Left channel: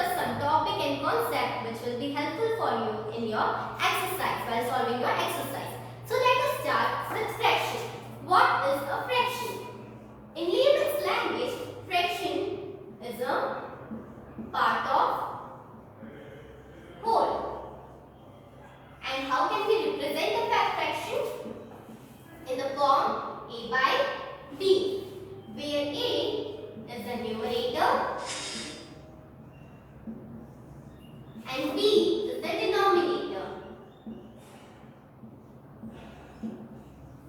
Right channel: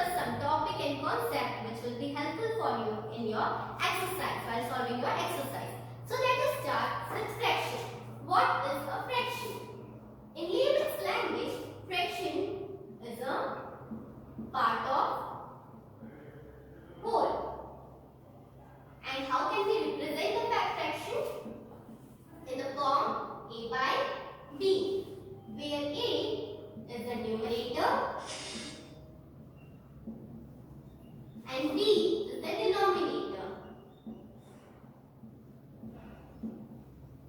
discuss some topic and concept which will be helpful for you in your exercise while solving your exercise. So let us start with fraction. What is a fraction? In layman's language, fraction is a part of whole. And how can we represent the fraction? In the form a by b, where a is the numerator and b is the denominator.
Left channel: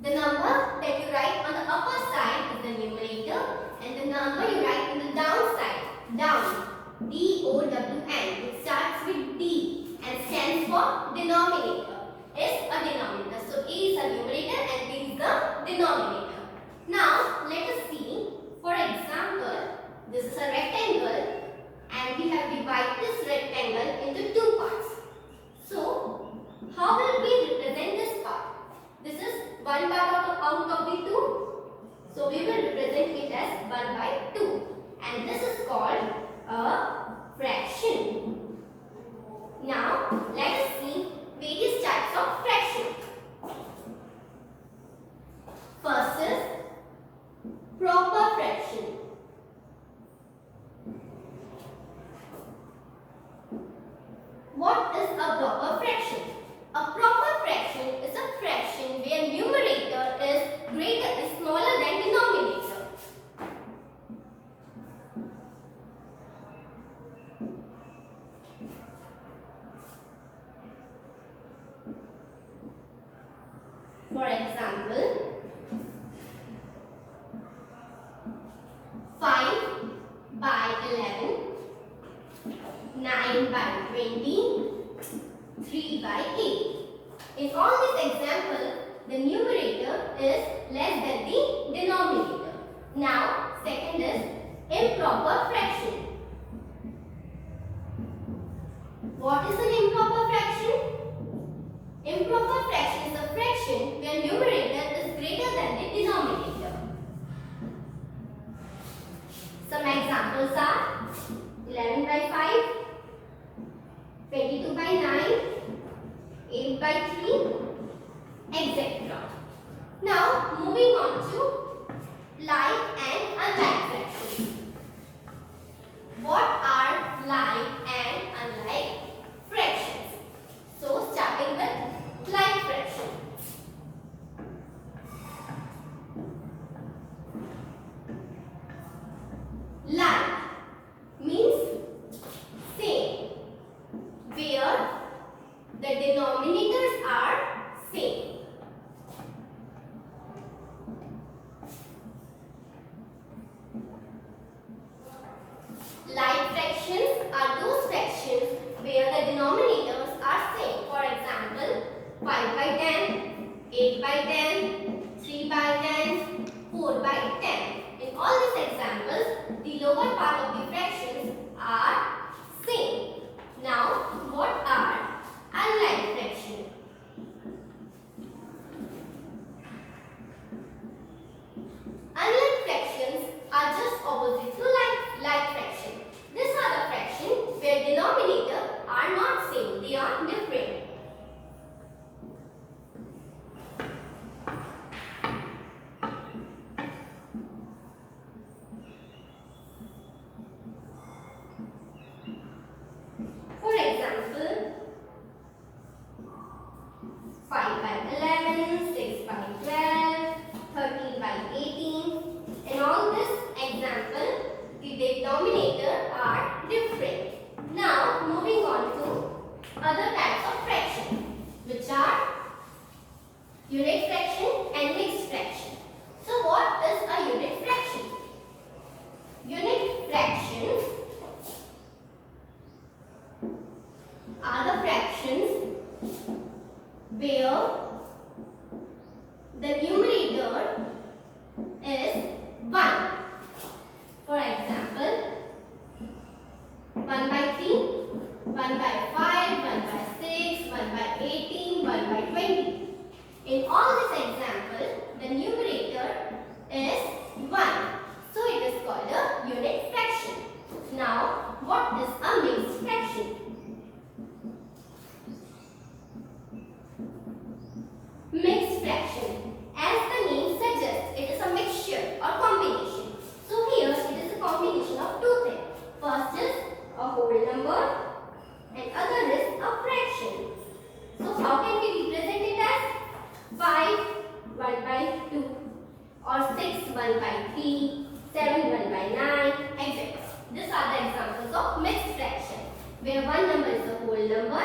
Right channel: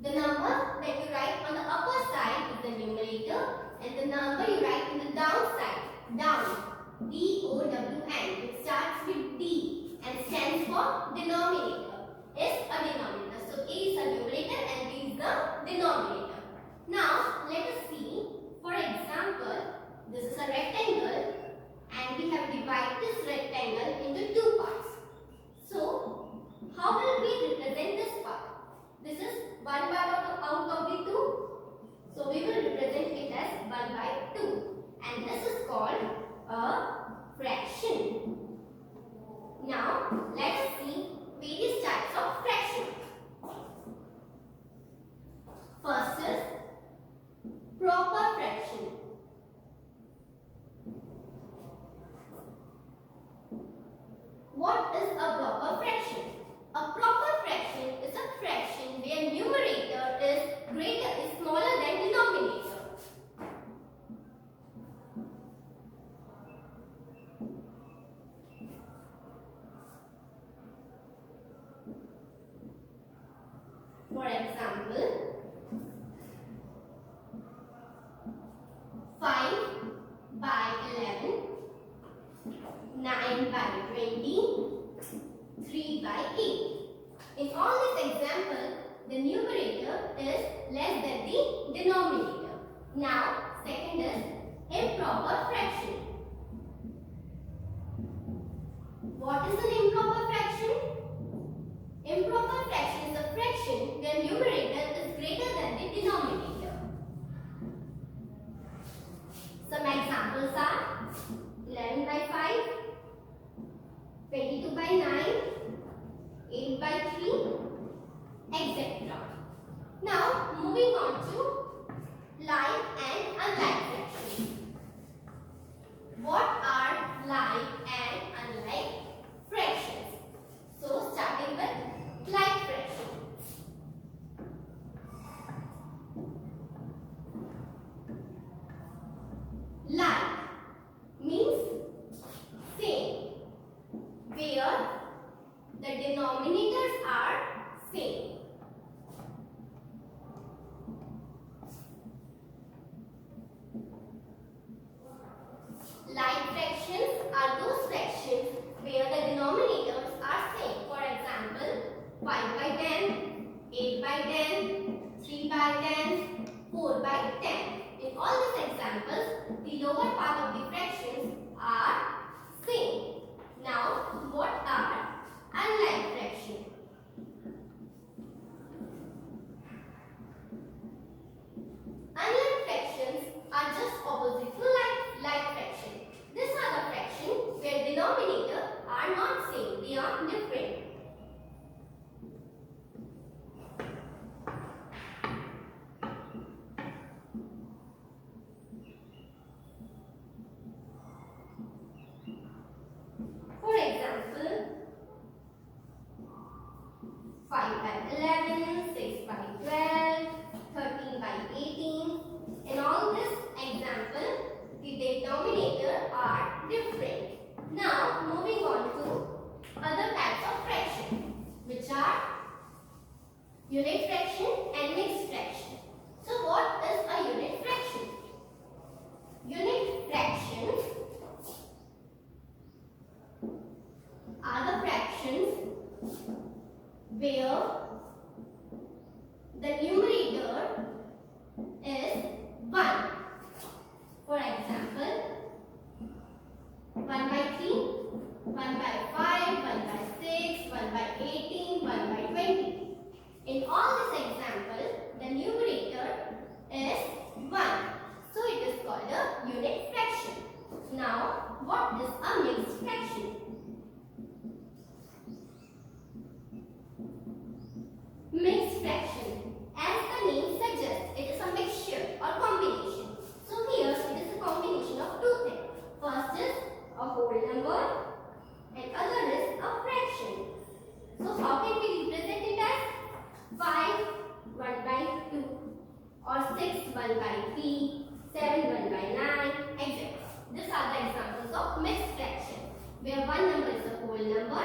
The number that you write on the upper side is the numerator and the number you write on the down side, down, D-O-W-N, which starts with D and stands for denominator, is a denominator. So A is the numerator and B is the denominator. Now let us see, for example, this is a rectangle and we have divided this rectangle into two parts. So how will we represent this part? This is one part out of the two. So we will represent it as 1 by 2 and this is called a fraction. Now let us see various types of fraction. First is proper fraction. What is a proper fraction? A proper fraction is a fraction where numerator is smaller than denominator. For example, 5 by 11, 9 by 20, 3 by 8. In all these examples, the numerator is less than the denominator. Now, second is improper fraction. What is an improper fraction? Improper fraction is a fraction where numerator is greater than the denominator. Some examples are 11 by 5, 22 by 9, 8 by 3, etc. Now, moving on to like and unlike fractions. What are like and unlike fractions? So, starting with like fraction. Like means same, where the denominators are same. Like fractions are those fractions where the denominators are same. For example, 5 by 10, 8 by 10, 3 by 10, 4 by 10. In all these examples, the lower part of the fractions are same. Now, what are unlike fractions? Unlike fractions are just opposite to like fraction. These are the fractions where denominator are not same, they are different. what is a mixed fraction? Mixed fraction. As the name suggests, it is a mixture or combination. So here it is a combination of two things. First is a whole number and other is a fraction. So how can we represent it as 5 1 by 2 or 6 1 by 3, 7 1 by 9, etc. These are the examples of mixed fraction where one number is a whole number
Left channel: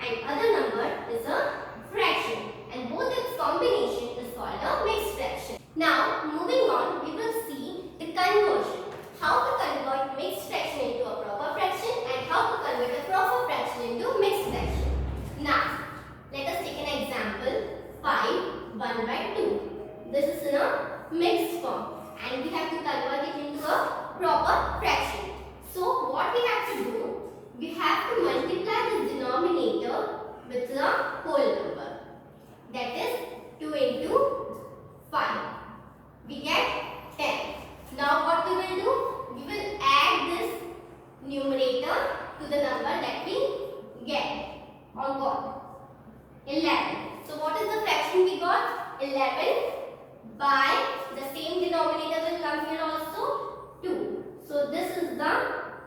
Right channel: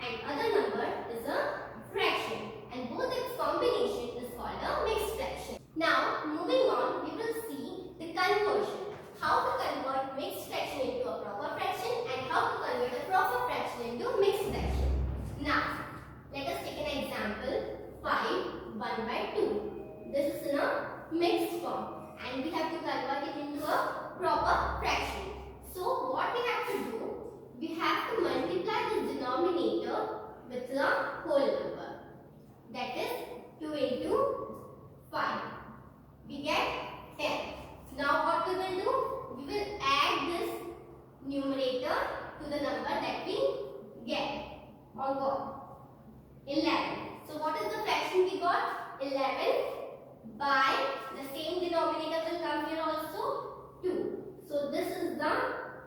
and other number is a fraction, and both its combination is called a mixed fraction. Now moving on, we will see the conversion. How to convert mixed fraction into a proper fraction and how to convert a proper fraction into mixed fraction. Now let us take an example. 5 1 by 2. This is in a mixed form and we have to convert it into a proper fraction. So what we have to do, we have to multiply the denominator with the whole number. That is 2 into 5. We get 10. Now what we will do, we will add this numerator to the number that we get or got. 11. So what is the fraction we got? 11 by the same denominator will come here also 2. So this is the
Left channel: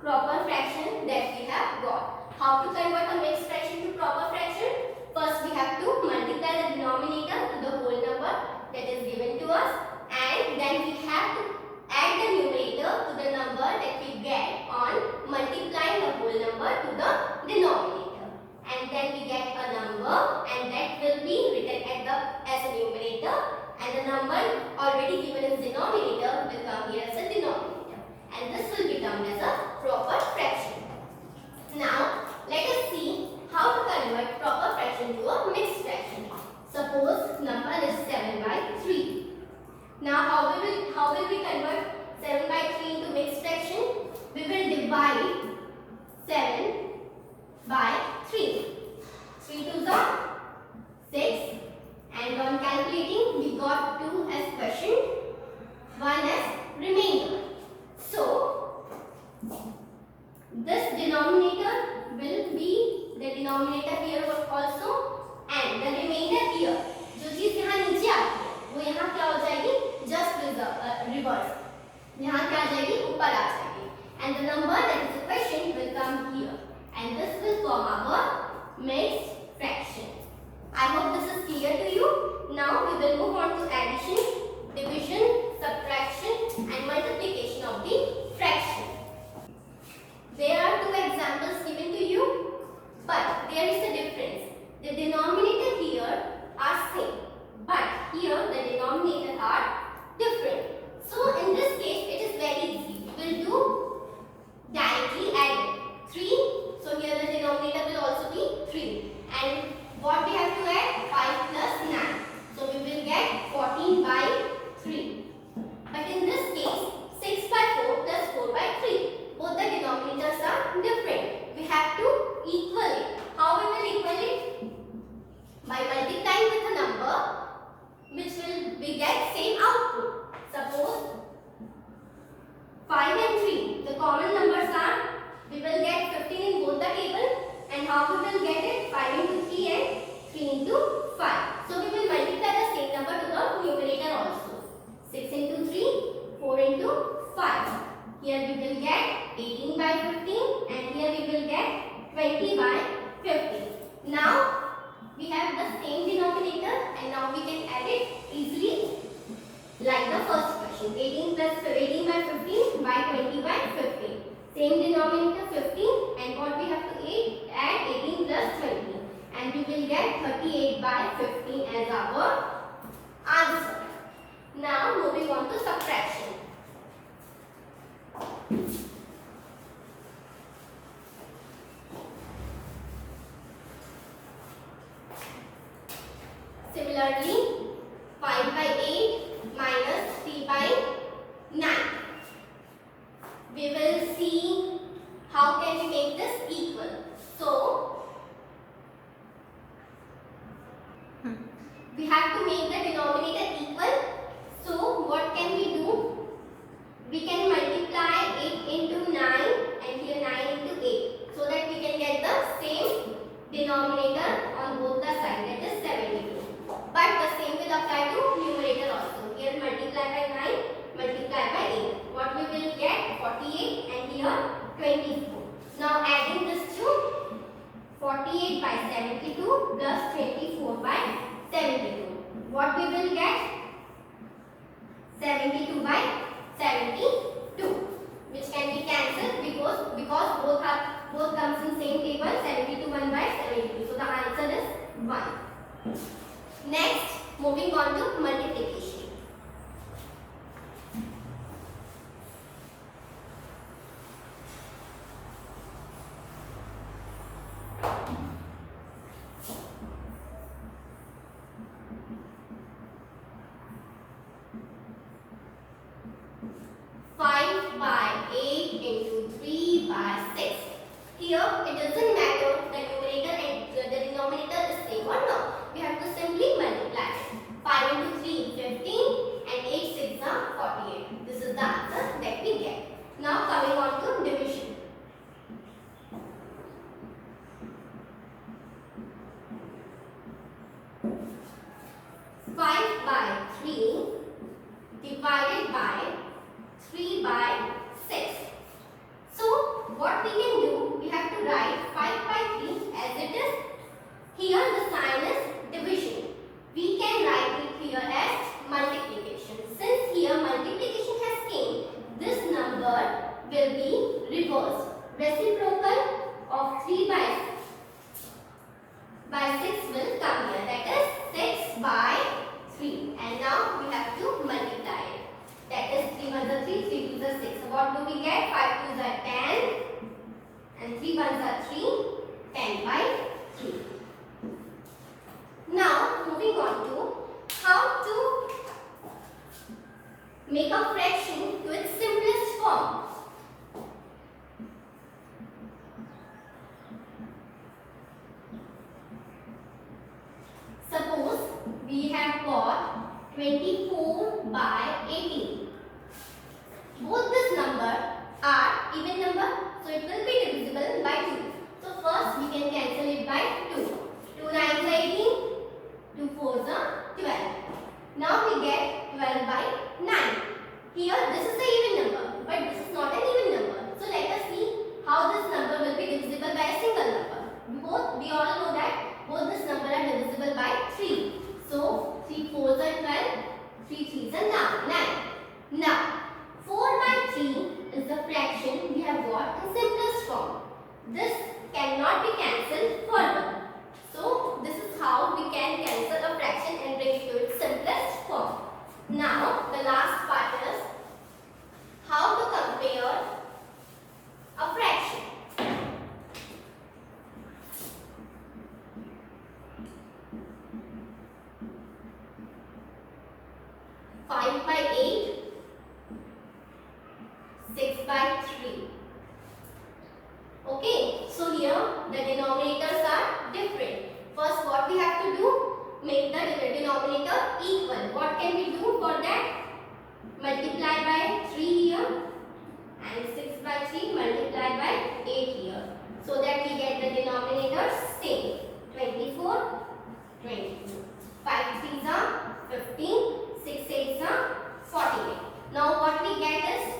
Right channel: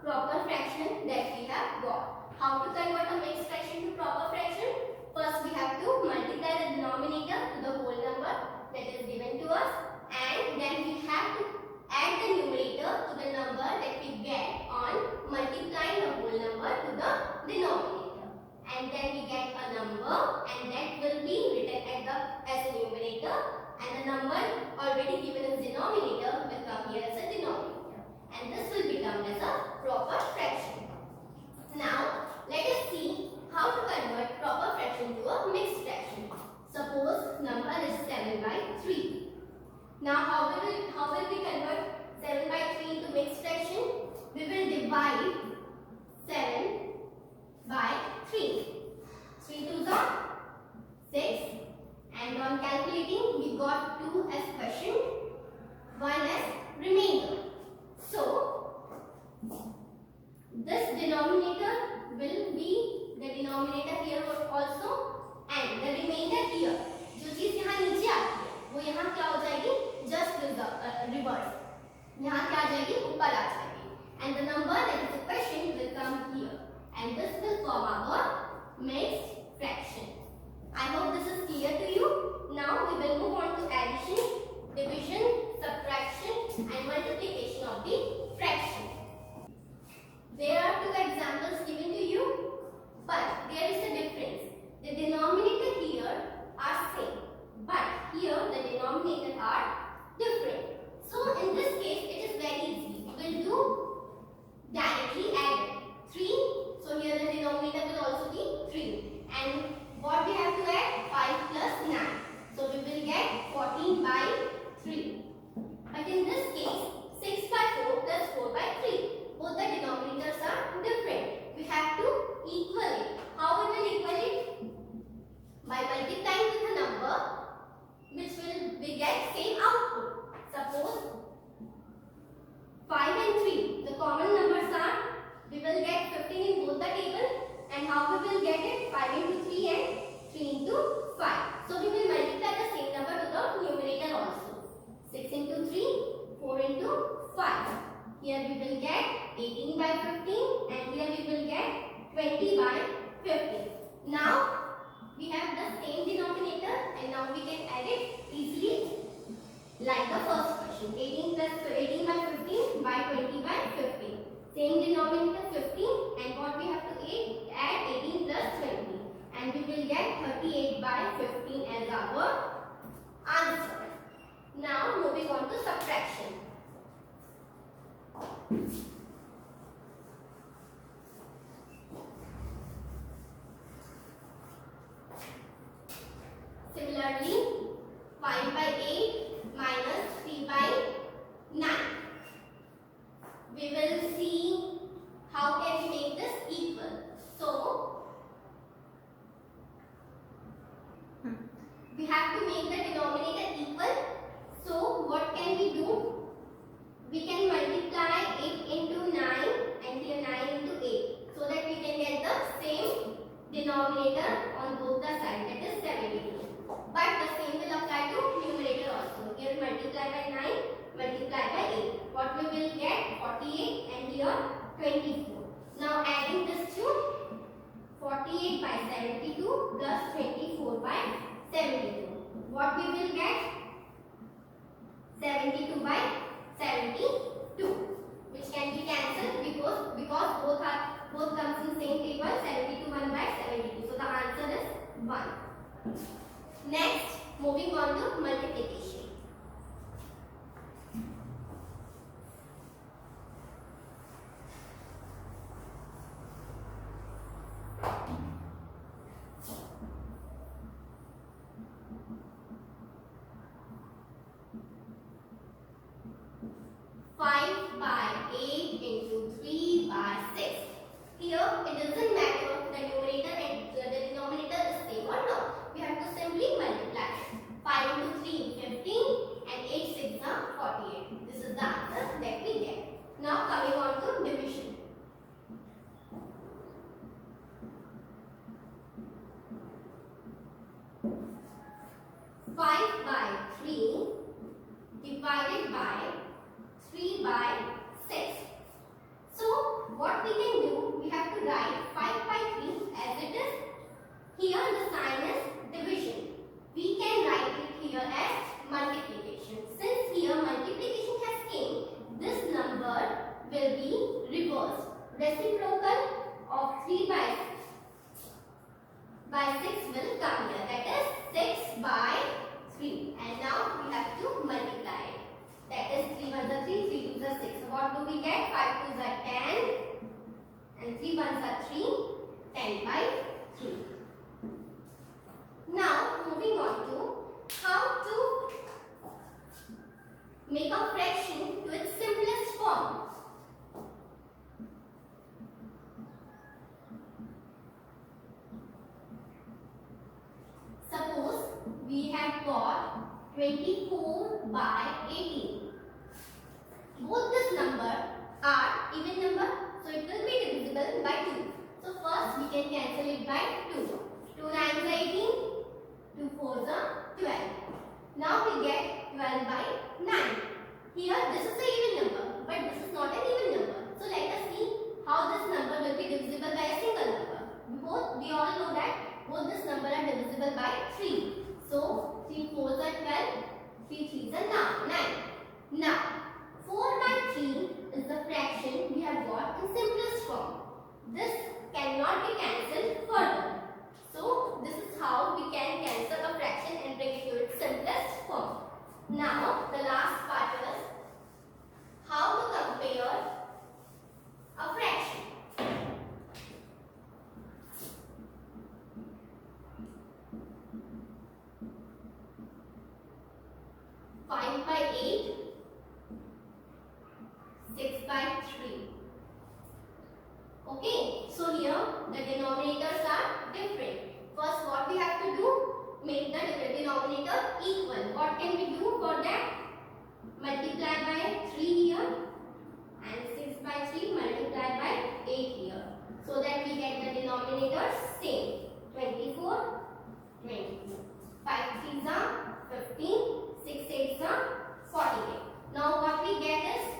proper fraction that we have got. How to convert a mixed fraction to proper fraction? First we have to multiply the denominator to the whole number that is given to us, and then we have to add the numerator to the number that we get on multiplying the whole number to the denominator, and then we get a number and that will be written as a numerator, and the number already given as denominator will come here as a denominator, and this will become as a proper fraction. Now let us see how to convert proper fraction to a mixed fraction. Suppose number is 7 by 3. Now how will we convert 7 by 3 into mixed fraction? We will divide 7 by 3. 3 2s are 6, and on calculating we got 2 as quotient, 1 as remainder. So this denominator will be the denominator here also, and the remainder here. जो चीज यहाँ नीचे आती है वो यहाँ क्या हो जाएगी? Just reverse. यहाँ क्या आ जाएगी? ऊपर आ जाएगी. And the number that is a question will come here, and this will form our mixed fraction. I hope this is clear to you. Now we will move on to addition, division, subtraction and multiplication of the fraction. There are two examples given to you, but there is a difference. The denominator here are same, but here the denominator are different. So in this case it is very easy. We will do directly add 3. So here the denominator will also be 3. And what we have to add? 5 plus 9. So we will get 14 by 3. But in this case 6 by 4 plus 4 by 3. Both the denominators are different. We have to equal it. How we will equal it? By multiplying with a number which will we get same output. Suppose 5 and 3. The common numbers are, we will get 15 in both the table, and how we will get it? 5 into 3 and 3 into 5. So we will multiply the same number to the numerator also. 6 into 3, 4 into 5. Here we will get 18 by 15 and here we will get 20 by 15. Now we have the same denominator and now we can add it easily like the first question. 18 by 15 by 20 by 15. Same denominator 15, and what we have to add 18 plus 20, and we will get 38 by 15 as our answer. Now moving on to subtraction. Similarly, 5 by 8 minus 3 by 9. We will see how can we make this equal. So, we have to make the denominator equal. So, what can we do? We can multiply 8 into 9 and here 48 by 72 plus 24 by 72. What we will get? 72 by 72, which can be cancelled because both comes in same table. 72 1 by 72. So the answer is 1. Next, moving on to multiplication. Here it doesn't matter the numerator and the denominator is same or not. We have to simply multiply. 5 into 3 15 and 8 6 are 48. This is the answer that we get. Now coming on to division. Five by 3 divided by 3 by 6. So what we can do, we have to write 5 by 3 as it is. Here the sign is division. We can write it here as multiplication. Since here multiplication has came, this number will be reversed. Reciprocal of 3 by 6 will come here. That is 6 by 3. And now we have to multiply it. That is 3 1s are 3, 3 2s are 6. So what do we get? 5 2s are 10 and 3 1s are 3, 10 by 3. Now moving on to how to make a fraction to its simplest form. Suppose we have got 24 by 18. Both this number are even number, so it will be divisible by 2. So first we can cancel it by 2. 2 9s are 18, 2 4s are 12. Now we get 12 by 9. Here this is the even number, but this is not an even number. So let us see how this number will be divisible by a single number. We all know that both this number are divisible by 3. So 3 4s are 12, 3 3s are 9. Now 4 by 3 is the fraction we have got in simplest form. This cannot be cancelled further. So this is how we can cancel a fraction and bring it to its simplest form. Now the last part is how to compare a fraction. 5 by 8, 6 by 3. Okay, so here the denominators are different. First what we have to do? Make the denominator equal. What can we do for that? Multiply by 3 here and 6 by 3 multiply by 8 here. So that we get the denominators same. 24, 22. 5 3s are 15, 6 8s are 48. Now what we get is